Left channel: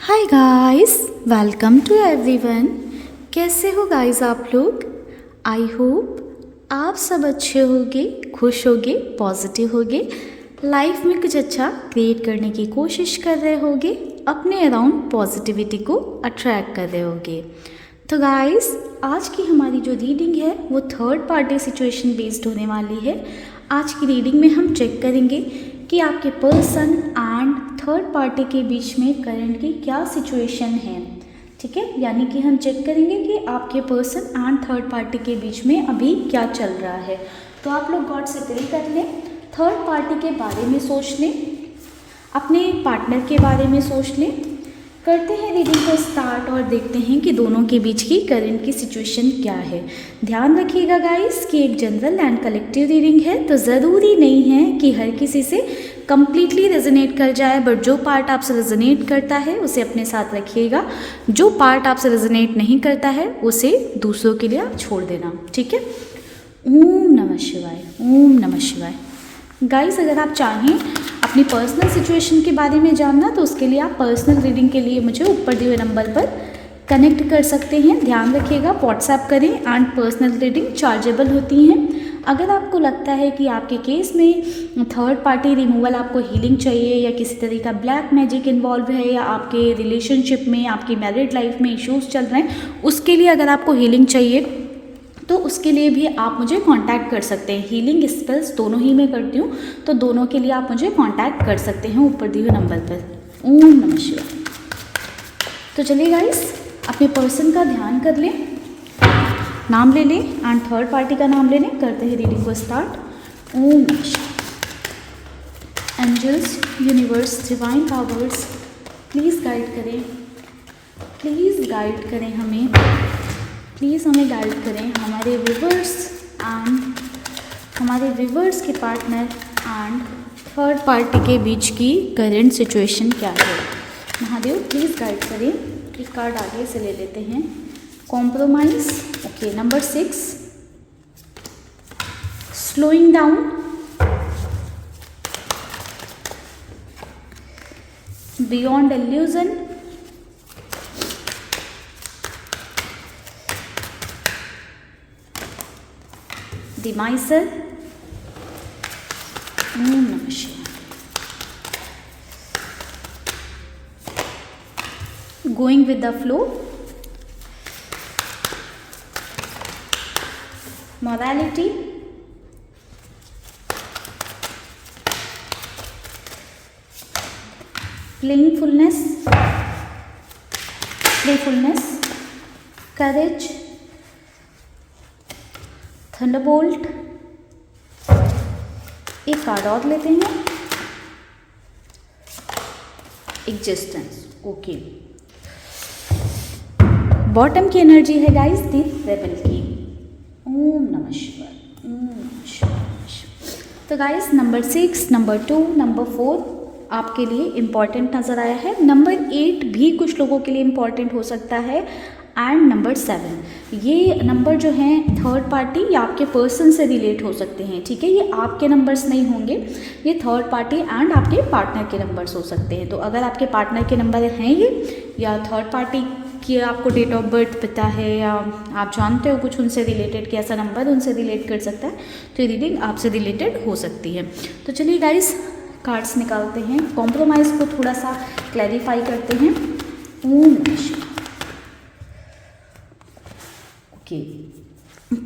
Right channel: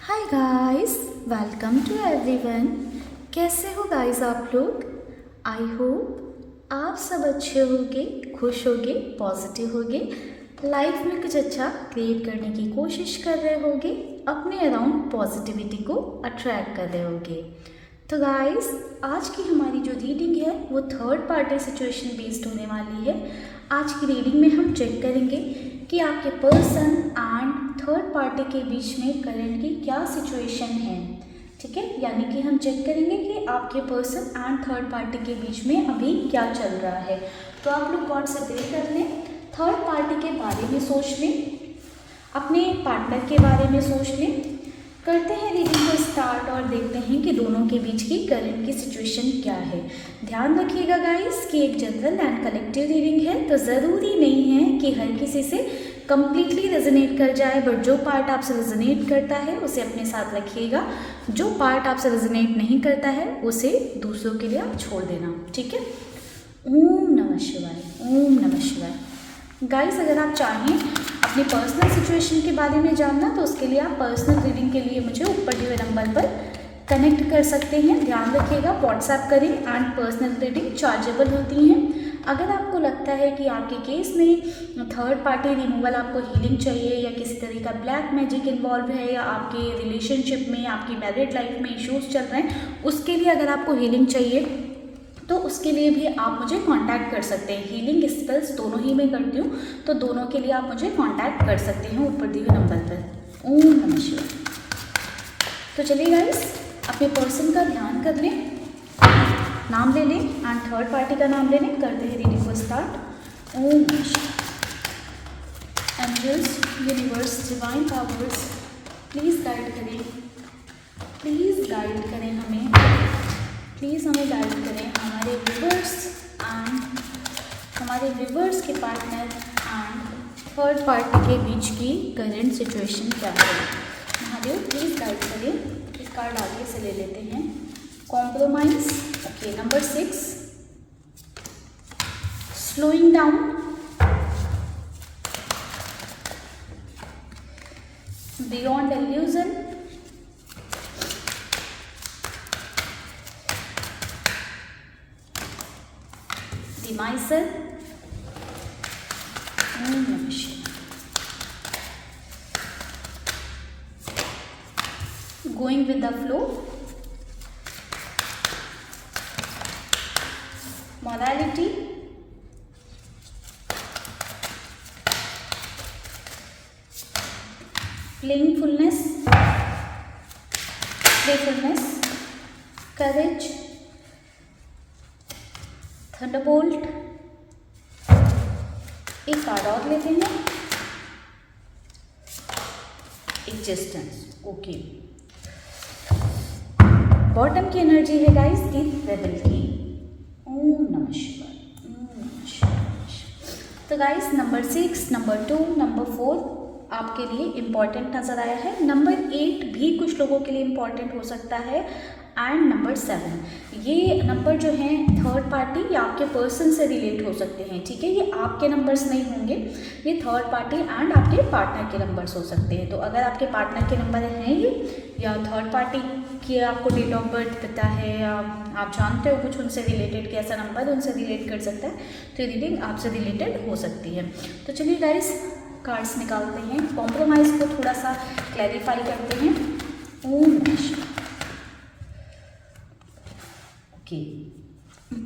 Hi guys, welcome to everyone. कैसे हो guys आप लोग? आई होप आप सब अच्छे होगे, खुश होगे, पॉजिटिव होगे, लाइफ में कुछ अच्छा क्रिएट करने की कोशिश कर रहे होगे, अपने अराउंड पॉजिटिविटी को अट्रैक्ट कर रहे होगे। तो गाइस, आज की हमारी जो रीडिंग है वो थर्ड पार्टी सिचुएशन बेस्ड होने वाली है। आज की रीडिंग में हम चेक करेंगे कि आपके पर्सन एंड थर्ड पार्टी के बीच में करंट की क्या सिचुएशन है। ठीक है, यानी कि हम चेक करेंगे कि आपके पर्सन एंड थर्ड पार्टी के बीच में अभी क्या चल रहा है। तो आप लोग गॉड से प्रे कर लें, थर्ड पार्टी के बारे में सोच लें, अपने पार्टनर के बारे में सोच लें। करते हैं रीडिंग को स्टार्ट और देखते हैं कि दोनों के बीच की करंट की सिचुएशन क्या है। ध्यान रखिएगा गाइस कि एक जनरल एंड कलेक्टिव रीडिंग है, तो ज़रूरी नहीं है कि हर किसी से कम्प्लीटली रेजोनेट कर जाए, बट जो पार्ट आपसे रेजोनेट करता है उसे अपने साथ रखिएगा। जो पार्ट आपसे रेजोनेट नहीं करता है उसे दूसरों के लिए आप छोड़ देना। ठीक है, ओम नमः शिवाय, ओम नमः शिवाय। गाइस, अगर आप चाहें अपनी पर्सनल सिचुएशन के बारे में जानना तो उसके लिए आप पर्सनल रीडिंग के लिए मुझे ऊपर दिए हुए नंबर पर कनेक्ट कर सकते हैं। ध्यान रखिएगा, व्हाट्सएप करें एंड पर्सनल रीडिंग चार्जेबल होती हैं। अगर आपको लगता है कि आपके केस में थर्ड पार्टी रिमूवल, आपको हीलिंग चाहिए या किसी तरह का ब्लैक मैजिक इन्वॉल्व है या आपके रिलेशनशिप में, आपकी मैरिड लाइफ में इश्यूज चल रहे हैं, उसके लिए अगर आपको हीलिंग चाहिए तो उसके लिए भी आप मुझे कांटेक्ट कर सकते हैं। हीलिंग स्पेल्स दोनों ही मैं करती हूँ, तो दोनों के लिए आप मुझे कांटेक्ट कर सकते हैं ऊपर दिए हुए नंबर पर। ओम नमः शिवाय। तो चलिए गाइस, अपने पर्सन का ध्यान कर लें, नाम ले लें एंड थर्ड पार्टी का नाम ले लें। करते हैं रीडिंग को स्टार्ट। ओम नमः शिवाय। Angels, universe, divine powers, please guide करें, प्लीज़ गाइड करें हमें, प्लीज़ हमें गाइड करें, हमारे व्यूवर्स एंड हमारे व्यूवर्स के पार्टनर एंड थर्ड पार्टी के बीच की करंट सिचुएशन क्या है। महादेव प्लीज़ गाइड करें। एक कार्ड आगे से ले लेते हैं, compromise. Okay, number 6, slowing down, beyond illusion, the miser, going with the flow, morality, playingfulness, playfulness, courage, thunderbolt. एक कार्ड और लेते हैं, एग्जिस्टेंस। ओके, बॉटम की एनर्जी है गाइस दी रेबल की। ओम नमः शिवाय, ओम नमः शिवाय। तो गाइस, नंबर 6, नंबर 2, नंबर 4 आपके लिए इम्पॉर्टेंट नज़र आया है। नंबर 8 भी कुछ लोगों के लिए इम्पॉर्टेंट हो सकता है एंड नंबर 7, ये नंबर जो हैं थर्ड पार्टी या आपके पर्सन से रिलेट हो सकते हैं। ठीक है, ये आपके नंबर्स नहीं होंगे, ये थर्ड पार्टी एंड आपके पार्टनर के नंबर्स हो सकते हैं। तो अगर आपके पार्टनर के नंबर हैं ये, या थर्ड पार्टी की आपको डेट ऑफ बर्थ पता है, या आप जानते हो कुछ उनसे रिलेटेड कि ऐसा नंबर उनसे रिलेट कर सकता है, तो ये रीडिंग आपसे रिलेटेड हो सकती है। तो चलिए गाइस, कार्ड्स निकालते हैं, कॉम्प्रोमाइज़ को थोड़ा सा क्लैरिफाई करते हैं। ओम नमः शिवाय।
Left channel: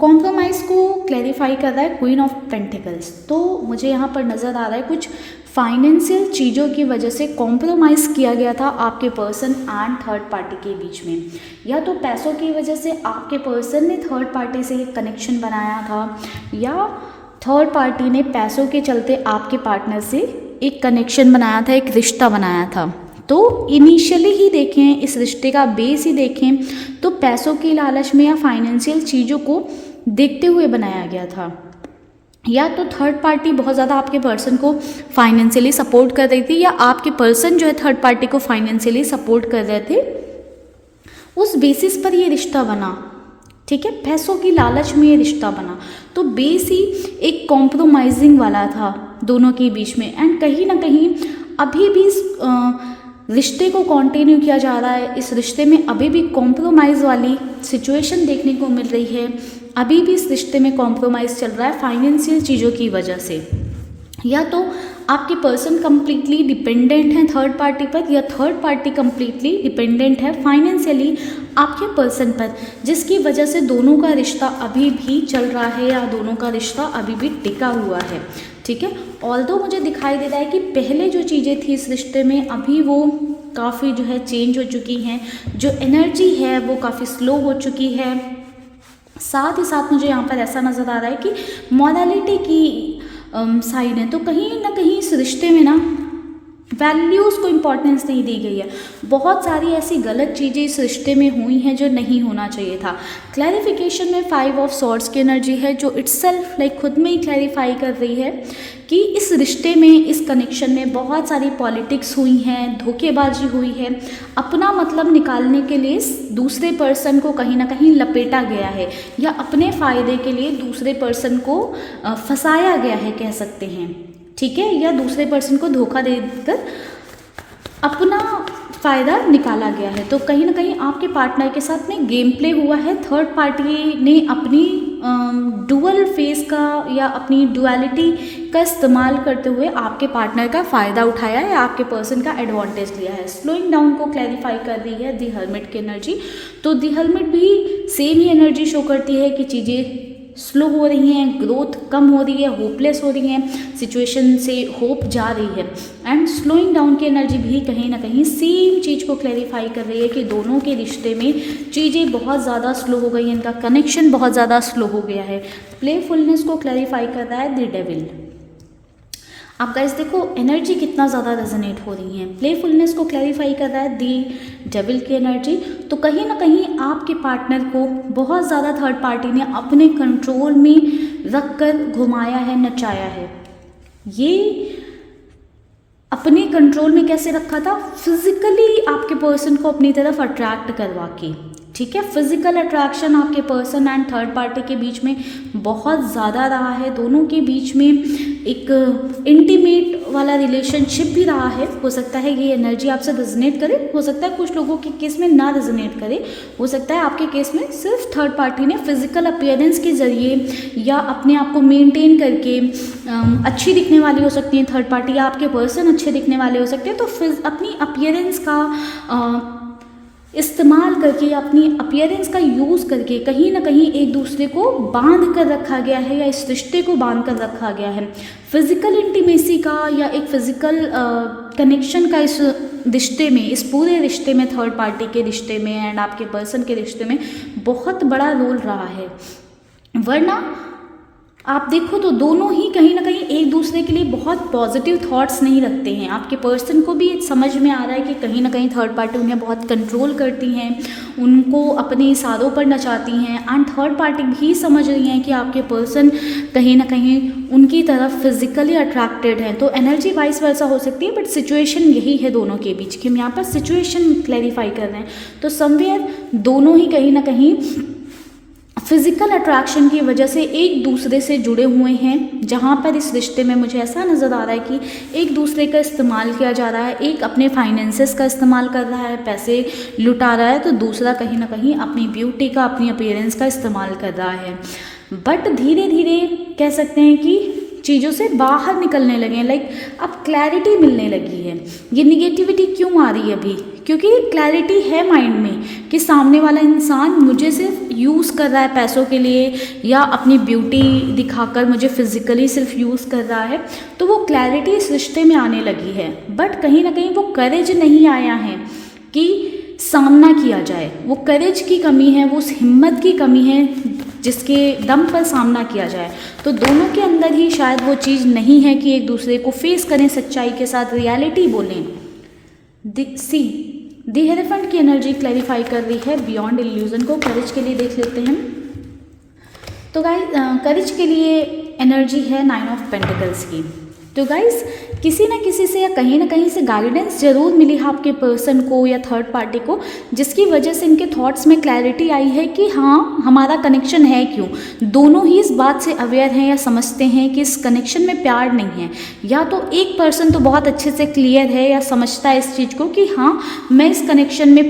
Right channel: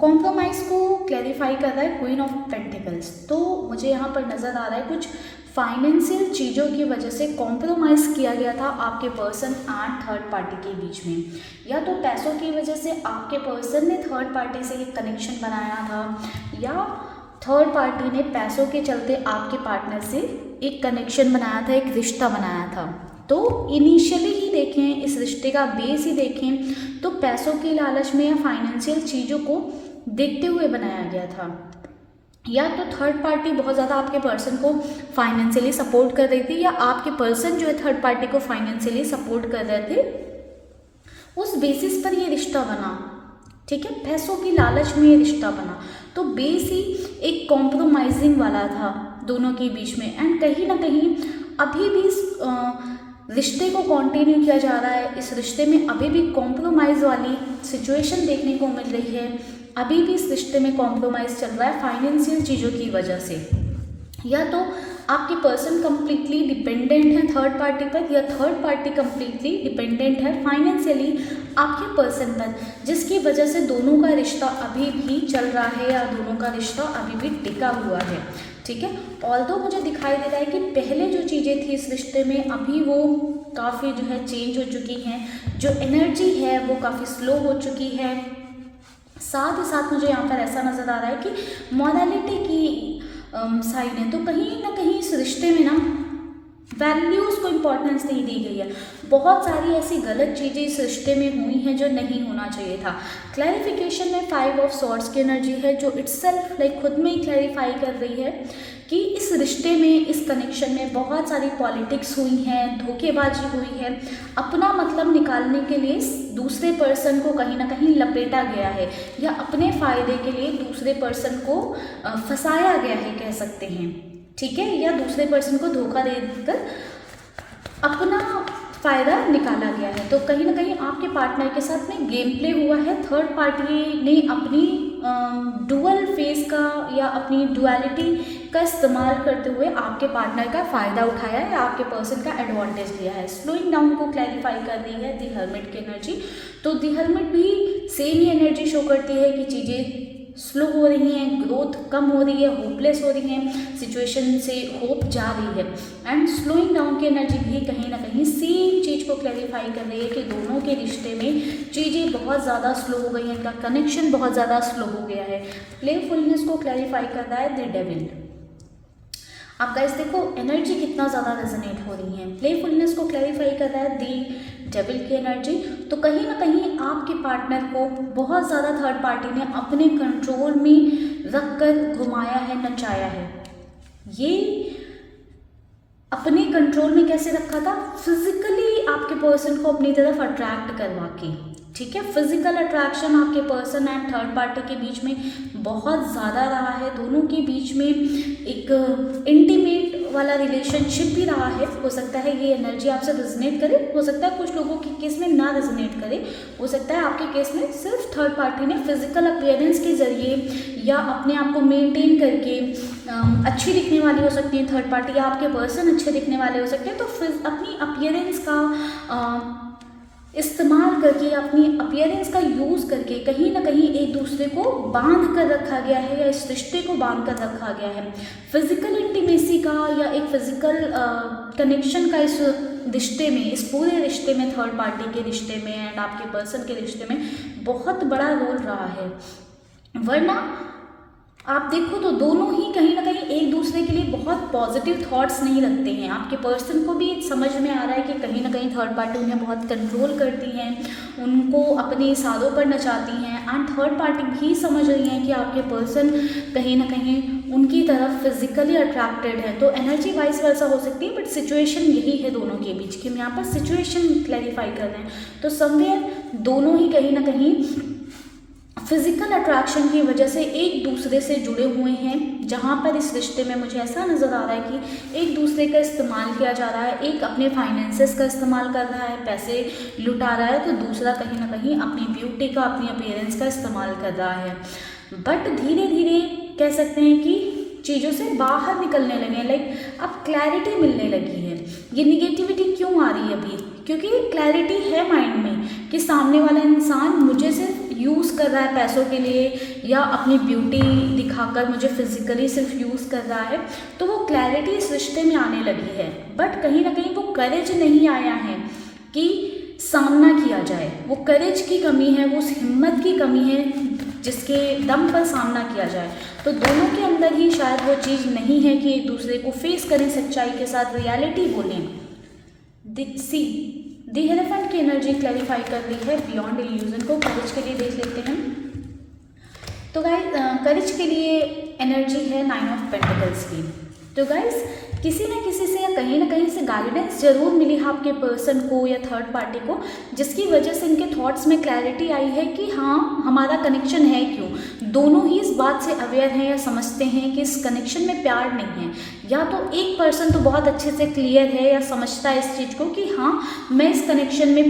कॉम्प्रोमाइज़ को क्लैरिफाई कर रहा है क्वीन ऑफ पेंटिकल्स। तो मुझे यहाँ पर नज़र आ रहा है कुछ फाइनेंशियल चीज़ों की वजह से कॉम्प्रोमाइज़ किया गया था आपके पर्सन एंड थर्ड पार्टी के बीच में, या तो पैसों की वजह से आपके पर्सन ने थर्ड पार्टी से एक कनेक्शन बनाया था, या थर्ड पार्टी ने पैसों के चलते आपके पार्टनर से एक कनेक्शन बनाया था, एक रिश्ता बनाया था। तो इनिशियली ही देखें, इस रिश्ते का बेस ही देखें तो पैसों की लालच में या फाइनेंशियल चीज़ों को देखते हुए बनाया गया था, या तो थर्ड पार्टी बहुत ज़्यादा आपके पर्सन को फाइनेंशियली सपोर्ट कर रही थी, या आपके पर्सन जो है थर्ड पार्टी को फाइनेंशियली सपोर्ट कर रहे थे। उस बेसिस पर ये रिश्ता बना। ठीक है, पैसों की लालच में ये रिश्ता बना, तो बेस ही एक कॉम्प्रोमाइजिंग वाला था दोनों के बीच में। एंड कहीं ना कहीं अभी भी रिश्ते को कंटिन्यू किया जा रहा है, इस रिश्ते में अभी भी कॉम्प्रोमाइज़ वाली सिचुएशन देखने को मिल रही है, अभी भी इस रिश्ते में कॉम्प्रोमाइज़ चल रहा है फाइनेंशियल चीज़ों की वजह से, या तो आपके पर्सन कंप्लीटली डिपेंडेंट है थर्ड पार्टी पर, या थर्ड पार्टी कंप्लीटली डिपेंडेंट है फाइनेंशियली आपके पर्सन पर, जिसकी वजह से दोनों का रिश्ता अभी भी चल रहा है या दोनों का रिश्ता अभी भी टिका हुआ है। ठीक है, ऑल्दो मुझे दिखाई दे रहा है कि पहले जो चीज़ें थी इस रिश्ते में अभी वो काफ़ी जो है चेंज हो चुकी हैं, जो एनर्जी है वो काफ़ी स्लो हो चुकी है। साथ ही साथ मुझे यहाँ पर ऐसा नज़र आ रहा है कि मॉरलिटी की साइड है, तो कहीं ना कहीं इस रिश्ते में ना वैल्यूज़ को इम्पोर्टेंस नहीं दी गई है। बहुत सारी ऐसी गलत चीज़ें इस रिश्ते में हुई हैं जो नहीं होना चाहिए था। क्लैरिफिकेशन में 5 ऑफ सॉर्ड्स की एनर्जी है जो इटसेल्फ लाइक खुद में ही क्लैरिफाई कर रही है कि इस रिश्ते में, इस कनेक्शन में बहुत सारी पॉलिटिक्स हुई हैं, धोखेबाजी हुई है, अपना मतलब निकालने के लिए दूसरे पर्सन को कहीं ना कहीं लपेटा गया है, या अपने फ़ायदे के लिए दूसरे पर्सन को फंसाया गया है कह सकते हैं। ठीक है, या दूसरे पर्सन को धोखा देकर अपना फ़ायदा निकाला गया है। तो कहीं ना कहीं आपके पार्टनर के साथ में गेम प्ले हुआ है, थर्ड पार्टी ने अपनी डुअल फेस का या अपनी डुअलिटी का इस्तेमाल करते हुए आपके पार्टनर का फ़ायदा उठाया है, आपके पर्सन का एडवांटेज लिया है। स्लोइंग डाउन को क्लैरिफाई कर रही है दी हर्मिट की एनर्जी, तो दी हर्मिट भी सेम ही एनर्जी शो करती है कि चीज़ें स्लो हो रही हैं, ग्रोथ कम हो रही है, होपलेस हो रही हैं, सिचुएशन से होप जा रही है। एंड स्लोइंग डाउन की एनर्जी भी कहीं ना कहीं सेम चीज़ को क्लैरिफाई कर रही है कि दोनों के रिश्ते में चीज़ें बहुत ज़्यादा स्लो हो गई हैं, इनका कनेक्शन बहुत ज़्यादा स्लो हो गया है। प्लेफुलनेस को क्लैरिफाई कर रहा है द डेविल। आप गाइस देखो एनर्जी कितना ज़्यादा रेजोनेट हो रही है। प्लेफुलनेस को क्लैरिफाई कर रहा है दी डेविल की एनर्जी, तो कहीं ना कहीं आपके पार्टनर को बहुत ज़्यादा थर्ड पार्टी ने अपने कंट्रोल में रख कर घुमाया है, नचाया है। ये अपने कंट्रोल में कैसे रखा था? फिजिकली आपके पर्सन को अपनी तरफ अट्रैक्ट करवा के। ठीक है, फिजिकल अट्रैक्शन आपके पर्सन एंड थर्ड पार्टी के बीच में बहुत ज़्यादा रहा है, दोनों के बीच में एक इंटीमेट वाला रिलेशनशिप भी रहा है। हो सकता है ये एनर्जी आपसे रेजोनेट करे, हो सकता है कुछ लोगों के केस में ना रेजोनेट करे, हो सकता है आपके केस में सिर्फ थर्ड पार्टी ने फिजिकल अपीयरेंस के ज़रिए या अपने आप को मेंटेन करके अच्छी दिखने वाली हो सकती है थर्ड पार्टी, या आपके पर्सन अच्छे दिखने वाले हो सकते हैं, तो अपनी अपीयरेंस का इस्तेमाल करके, अपनी अपीयरेंस का यूज़ करके कहीं ना कहीं एक दूसरे को बांध कर रखा गया है, या इस रिश्ते को बांध कर रखा गया है। फिजिकल इंटीमेसी का या एक फिजिकल कनेक्शन का इस रिश्ते में, इस पूरे रिश्ते में, थर्ड पार्टी के रिश्ते में एंड आपके पर्सन के रिश्ते में बहुत बड़ा रोल रहा है। वरना आप देखो तो दोनों ही कहीं ना कहीं एक दूसरे के लिए बहुत पॉजिटिव थॉट्स नहीं रखते हैं। आपके पर्सन को भी समझ में आ रहा है कि कहीं ना कहीं थर्ड पार्टी उन्हें बहुत कंट्रोल करती हैं, उनको अपने इशारों पर नचाती हैं, एंड थर्ड पार्टी भी समझ रही हैं कि आपके पर्सन कहीं ना कहीं उनकी तरफ फिजिकली अट्रैक्टेड है। तो एनर्जी वाइस वर्सा हो सकती है, बट सिचुएशन यही है दोनों के बीच की। हम यहाँ पर सिचुएशन क्लैरिफाई कर रहे हैं, तो समवेयर दोनों ही कहीं ना कहीं फिजिकल अट्रैक्शन की वजह से एक दूसरे से जुड़े हुए हैं, जहाँ पर इस रिश्ते में मुझे ऐसा नज़र आ रहा है कि एक दूसरे का इस्तेमाल किया जा रहा है। एक अपने फाइनेंसेस का इस्तेमाल कर रहा है, पैसे लुटा रहा है, तो दूसरा कहीं ना कहीं अपनी ब्यूटी का, अपनी अपीयरेंस का इस्तेमाल कर रहा है। बट धीरे धीरे कह सकते हैं कि चीज़ों से बाहर निकलने लगे हैं, लाइक अब क्लैरिटी मिलने लगी है। ये निगेटिविटी क्यों आ रही है अभी? क्योंकि क्लैरिटी है माइंड में कि सामने वाला इंसान मुझे सिर्फ यूज़ कर रहा है पैसों के लिए, या अपनी ब्यूटी दिखाकर मुझे फिजिकली सिर्फ यूज़ कर रहा है, तो वो क्लैरिटी इस रिश्ते में आने लगी है। बट कहीं ना कहीं वो करेज नहीं आया है कि सामना किया जाए, वो करेज की कमी है, वो उस हिम्मत की कमी है जिसके दम पर सामना किया जाए। तो दोनों के अंदर ही शायद वो चीज़ नहीं है कि एक दूसरे को फेस करें, सच्चाई के साथ रियलिटी बोलें। द हेरोफेंट की एनर्जी क्लैरिफाई कर रही है बियॉन्ड इल्यूजन को। करेज के लिए देख लेते हैं, तो गाइस करेज के लिए एनर्जी है 9 ऑफ पेंटिकल्स की। तो गाइस किसी ना किसी से या कहीं ना कहीं से गाइडेंस जरूर मिली है आपके पर्सन को या थर्ड पार्टी को, जिसकी वजह से इनके थॉट्स में क्लैरिटी आई है कि हाँ हमारा कनेक्शन है क्यों। दोनों ही इस बात से अवेयर हैं या समझते हैं कि इस कनेक्शन में प्यार नहीं है, या तो एक पर्सन तो बहुत अच्छे से क्लियर है या समझता है इस चीज़ को कि हाँ मैं इस कनेक्शन में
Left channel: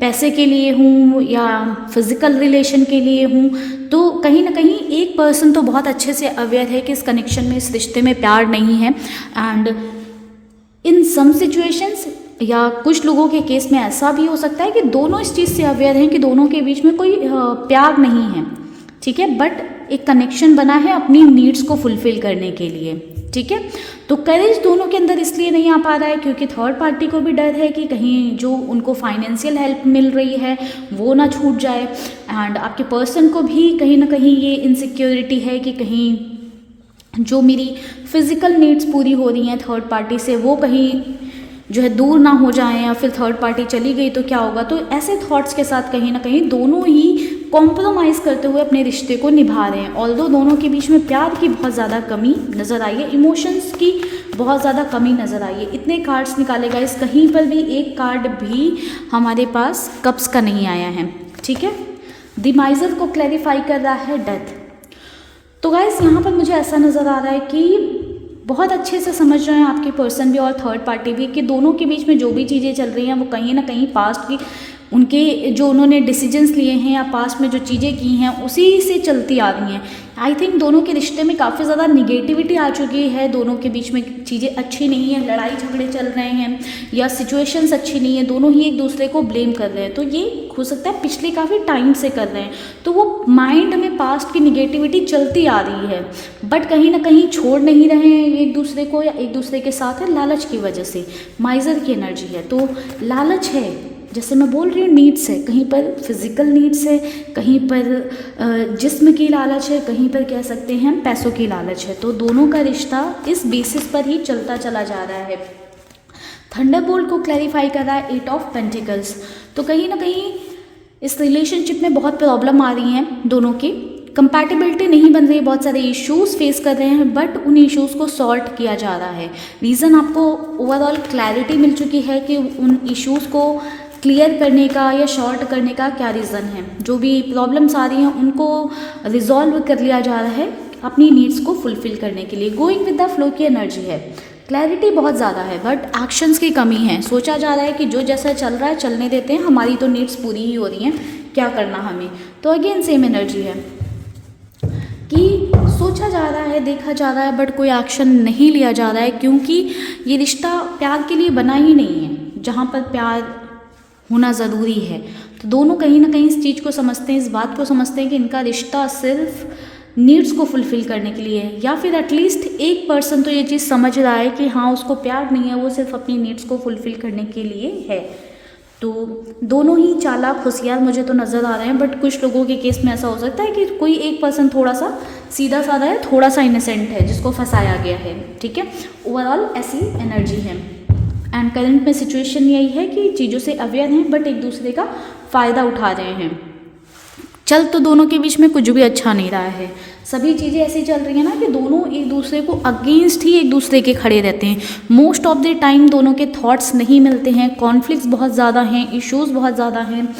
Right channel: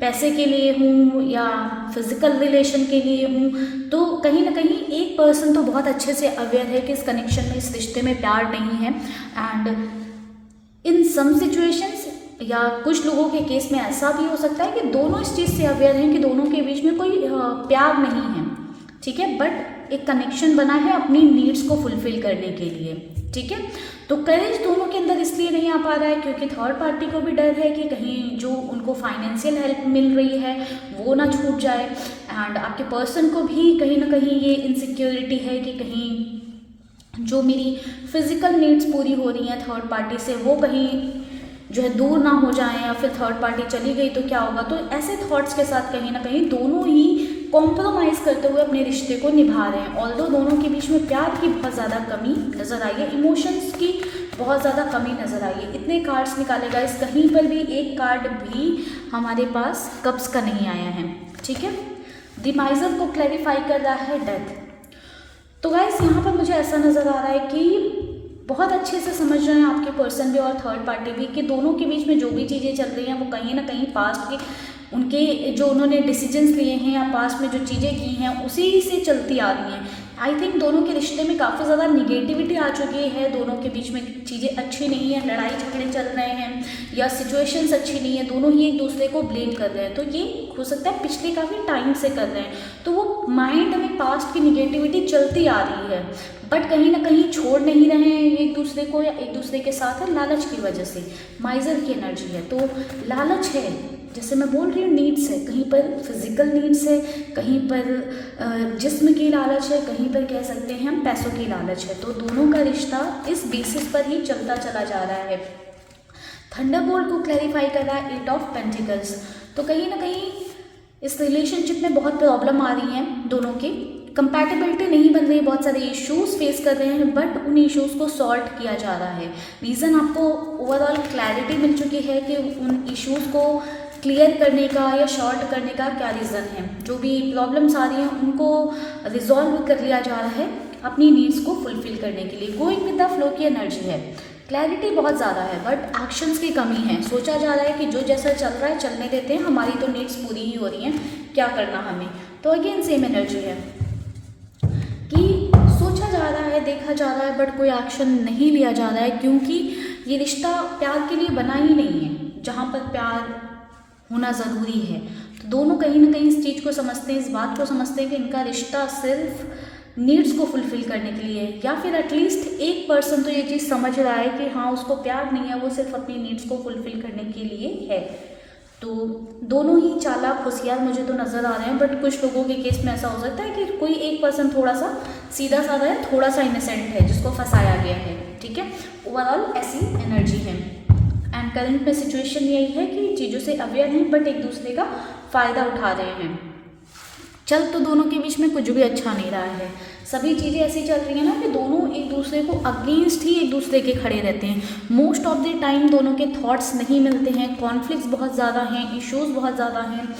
पैसे के लिए हूँ या फिजिकल रिलेशन के लिए हूँ, तो कहीं ना कहीं एक पर्सन तो बहुत अच्छे से अवेयर है कि इस कनेक्शन में, इस रिश्ते में प्यार नहीं है। एंड इन सम सिचुएशंस या कुछ लोगों के केस में ऐसा भी हो सकता है कि दोनों इस चीज़ से अवेयर हैं कि दोनों के बीच में कोई प्यार नहीं है, ठीक है, बट एक कनेक्शन बना है अपनी नीड्स को फुलफिल करने के लिए, ठीक है। तो करेज दोनों के अंदर इसलिए नहीं आ पा रहा है क्योंकि थर्ड पार्टी को भी डर है कि कहीं जो उनको फाइनेंशियल हेल्प मिल रही है वो ना छूट जाए, एंड आपके पर्सन को भी कहीं ना कहीं ये इनसिक्योरिटी है कि कहीं जो मेरी फिजिकल नीड्स पूरी हो रही हैं थर्ड पार्टी से वो कहीं जो है दूर ना हो जाएं, या फिर थर्ड पार्टी चली गई तो क्या होगा। तो ऐसे थॉट्स के साथ कहीं ना कहीं दोनों ही कॉम्प्रोमाइज़ करते हुए अपने रिश्ते को निभा रहे हैं। ऑल्दो दोनों के बीच में प्यार की बहुत ज़्यादा कमी नज़र आई है, इमोशंस की बहुत ज़्यादा कमी नज़र आई है। इतने कार्ड्स निकाले गए, इस कहीं पर भी एक कार्ड भी हमारे पास कप्स का नहीं आया है, ठीक है। द माइजर को क्लैरिफाई कर रहा है डेथ। तो गाइस यहाँ पर मुझे ऐसा नज़र आ रहा है कि बहुत अच्छे से समझ रहे हैं आपके पर्सन भी और थर्ड पार्टी भी कि दोनों के बीच में जो भी चीज़ें चल रही हैं वो कहीं ना कहीं पास्ट की उनके जो उन्होंने डिसीजंस लिए हैं या पास्ट में जो चीज़ें की हैं उसी से चलती आ रही हैं। आई थिंक दोनों के रिश्ते में काफ़ी ज़्यादा निगेटिविटी आ चुकी है, दोनों के बीच में चीज़ें अच्छी नहीं है, लड़ाई झगड़े चल रहे हैं या सिचुएशंस अच्छी नहीं है, दोनों ही एक दूसरे को ब्लेम कर रहे हैं। तो ये हो सकता है पिछले काफ़ी टाइम से कर रहे हैं, तो वो माइंड में पास्ट की निगेटिविटी चलती आ रही है, बट कहीं ना कहीं छोड़ नहीं रहे हैं एक दूसरे को या एक दूसरे के साथ है लालच की वजह से। माइजर की एनर्जी है तो लालच है, जैसे मैं बोल रही हूँ नीड्स है, कहीं पर फिजिकल नीड्स है, कहीं पर जिस्म की लालच है, कहीं पर कह सकते हैं हम पैसों की लालच है। तो दोनों का रिश्ता इस बेसिस पर ही चलता चला जा रहा है। थंडरबोल्ट को क्लैरिफाई कर रहा है 8 ऑफ पेंटिकल्स। तो कहीं ना कहीं इस रिलेशनशिप में बहुत प्रॉब्लम आ रही हैं, दोनों की कंपैटिबिलिटी नहीं बन रही, बहुत सारे इश्यूज फेस कर रहे हैं, बट उन इश्यूज को सॉल्व किया जा रहा है। रीज़न आपको ओवरऑल क्लैरिटी मिल चुकी है कि उन इश्यूज को क्लियर करने का या शॉर्ट करने का क्या रीज़न है। जो भी प्रॉब्लम्स आ रही हैं उनको रिजॉल्व कर लिया जा रहा है अपनी नीड्स को फुलफिल करने के लिए। गोइंग विद द फ्लो की एनर्जी है, क्लैरिटी बहुत ज़्यादा है बट एक्शंस की कमी है। सोचा जा रहा है कि जो जैसा चल रहा है चलने देते हैं, हमारी तो नीड्स पूरी ही हो रही हैं, क्या करना हमें। तो अगेन सेम एनर्जी है कि सोचा जा रहा है, देखा जा रहा है, बट कोई एक्शन नहीं लिया जा रहा है क्योंकि ये रिश्ता प्यार के लिए बना ही नहीं है, जहाँ पर प्यार होना ज़रूरी है। तो दोनों कहीं ना कहीं इस चीज़ को समझते हैं, इस बात को समझते हैं कि इनका रिश्ता सिर्फ नीड्स को फुलफिल करने के लिए है, या फिर एटलीस्ट एक पर्सन तो ये चीज़ समझ रहा है कि हाँ उसको प्यार नहीं है, वो सिर्फ अपनी नीड्स को फुलफिल करने के लिए है। तो दोनों ही चालाक होशियार मुझे तो नज़र आ रहे हैं, बट कुछ लोगों के केस में ऐसा हो सकता है कि कोई एक पर्सन थोड़ा सा सीधा साधा है, थोड़ा सा इनोसेंट है, जिसको फंसाया गया है, ठीक है। ओवरऑल ऐसी एनर्जी है एंड करंट में सिचुएशन यही है कि चीज़ों से अवेयर हैं बट एक दूसरे का फ़ायदा उठा रहे हैं। चल तो दोनों के बीच में कुछ भी अच्छा नहीं रहा है, सभी चीज़ें ऐसी चल रही हैं ना कि दोनों एक दूसरे को अगेंस्ट ही एक दूसरे के खड़े रहते हैं। मोस्ट ऑफ द टाइम दोनों के थॉट्स नहीं मिलते हैं, कॉन्फ्लिक्ट्स बहुत ज़्यादा हैं, इश्यूज़ बहुत ज़्यादा हैं।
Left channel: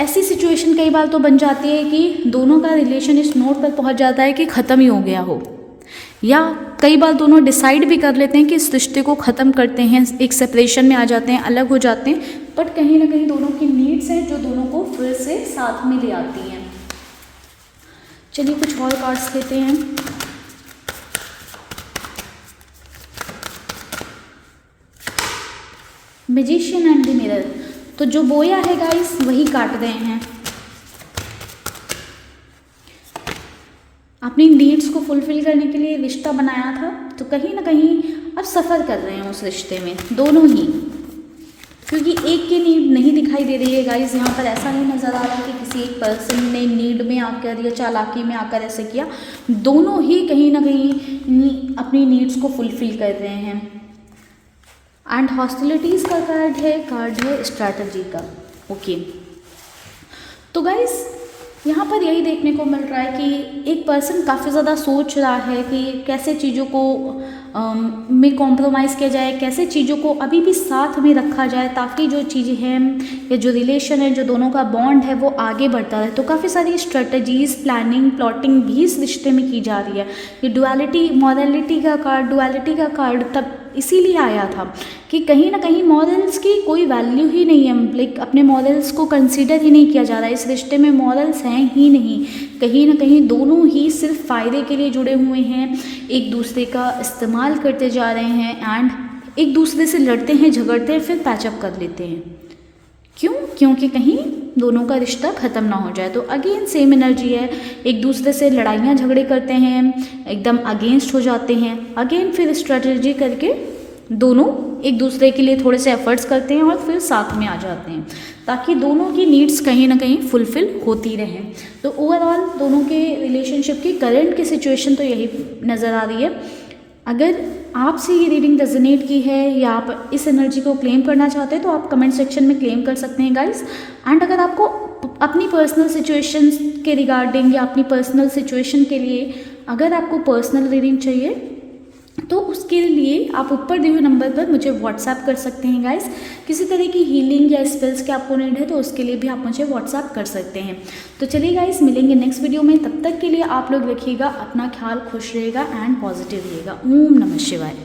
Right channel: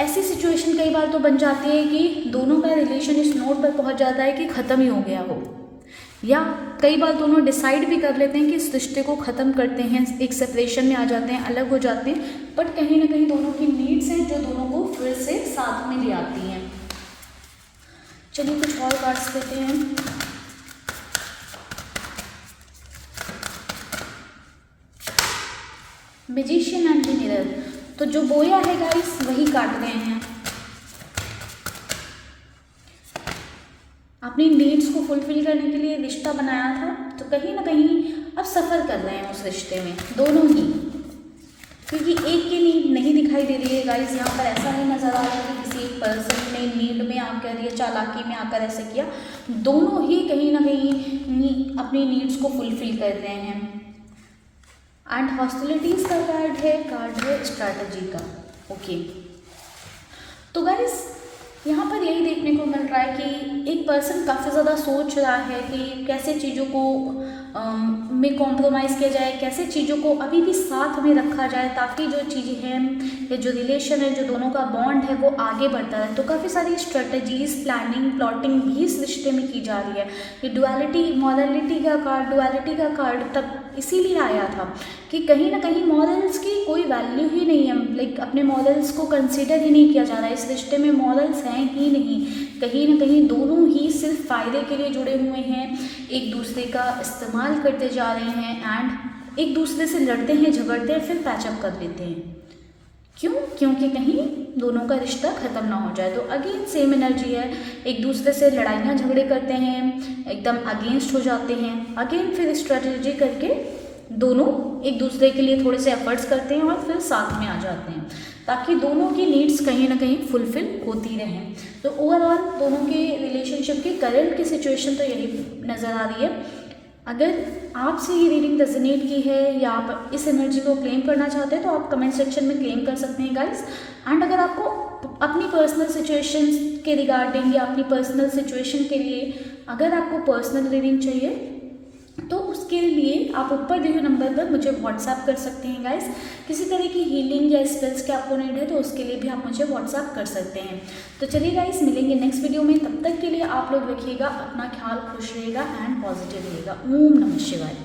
ऐसी सिचुएशन कई बार तो बन जाती है कि दोनों का रिलेशन इस नोट पर पहुंच जाता है कि ख़त्म ही हो गया हो, या कई बार दोनों डिसाइड भी कर लेते हैं कि इस रिश्ते को ख़त्म करते हैं, एक सेपरेशन में आ जाते हैं, अलग हो जाते हैं, बट कहीं ना कहीं दोनों की नीड्स हैं जो दोनों को फिर से साथ में ले आती हैं। चलिए कुछ और कार्ड्स लेते हैं। Magician and the mirror. तो जो बोया है गाइस वही काट रहे हैं, अपनी नीड्स को फुलफिल करने के लिए रिश्ता बनाया था, तो कहीं ना कहीं अब सफ़र कर रहे हैं उस रिश्ते में दोनों ही, क्योंकि एक की नीड नहीं दिखाई दे रही है गाइस। यहाँ पर ऐसा नहीं नज़र आ रहा कि किसी एक पर्सन ने नीड में आकर या चालाकी में आकर ऐसा किया, दोनों ही कहीं ना कहीं अपनी नीड्स को फुलफिल कर रहे हैं। एंड हॉस्टिलिटीज़ का कार्ड है स्ट्रैटेजी का। ओके, तो गाइस यहाँ पर यही देखने को मिल रहा है कि एक पर्सन काफ़ी ज़्यादा सोच रहा है कि कैसे चीज़ों को में कॉम्प्रोमाइज़ किया जाए, कैसे चीज़ों को अभी भी साथ में रखा जाए ताकि जो चीज़ें हैं या जो रिलेशन है, जो दोनों का बॉन्ड है वो आगे बढ़ता रहे। तो काफ़ी सारी स्ट्रेटजीज़, प्लानिंग, प्लॉटिंग भी इस रिश्ते में की जा रही है। ये डुअलिटी, मॉरलिटी का कार्ड तब इसीलिए आया था कि कहीं ना कहीं मॉरल्स की कोई वैल्यू ही नहीं है, लाइक अपने मॉरल्स को कंसीडर ही नहीं किया जा रहा है। इस रिश्ते में मॉरल्स हैं ही नहीं, कहीं ना कहीं दोनों ही सिर्फ फ़ायदे के लिए जुड़े हुए हैं, एक दूसरे का इस्तेमाल करते जा रहे हैं एंड एक दूसरे से लड़ते हैं, झगड़ते हैं, फिर पैचअप कर लेते हैं। क्यों? क्योंकि कहीं दोनों का रिश्ता ख़त्म ना हो जाए। तो अगेन सेम एनर्जी है, एक दूसरे से लड़ाइयाँ झगड़े करते हैं, एकदम अगेंस्ट हो जाते हैं, अगेन फिर स्ट्रेटजी करके दोनों एक दूसरे के लिए थोड़े से एफर्ट्स करते हैं और फिर साथ में आ जाते हैं ताकि दोनों की नीड्स कहीं ना कहीं फुलफिल होती रहें। तो ओवरऑल दोनों के रिलेशनशिप की करंट की सिचुएशन तो यही नज़र आ रही है। अगर आपसे ये रीडिंग रेजोनेट की है या आप इस एनर्जी को क्लेम करना चाहते हैं तो आप कमेंट सेक्शन में क्लेम कर सकते हैं गाइस। एंड अगर आपको अपनी पर्सनल सिचुएशन के रिगार्डिंग या अपनी पर्सनल सिचुएशन के लिए अगर आपको पर्सनल रीडिंग चाहिए तो उसके लिए आप ऊपर दिए हुए नंबर पर मुझे व्हाट्सएप कर सकते हैं गाइस। किसी तरह की हीलिंग या स्पेल्स के आपको नीड है तो उसके लिए भी आप मुझे व्हाट्सएप कर सकते हैं। तो चलिए गाइस, मिलेंगे नेक्स्ट वीडियो में। तब तक के लिए आप लोग रखिएगा अपना ख्याल, खुश रहेगा एंड पॉजिटिव रहिएगा। ओम नमः शिवाय।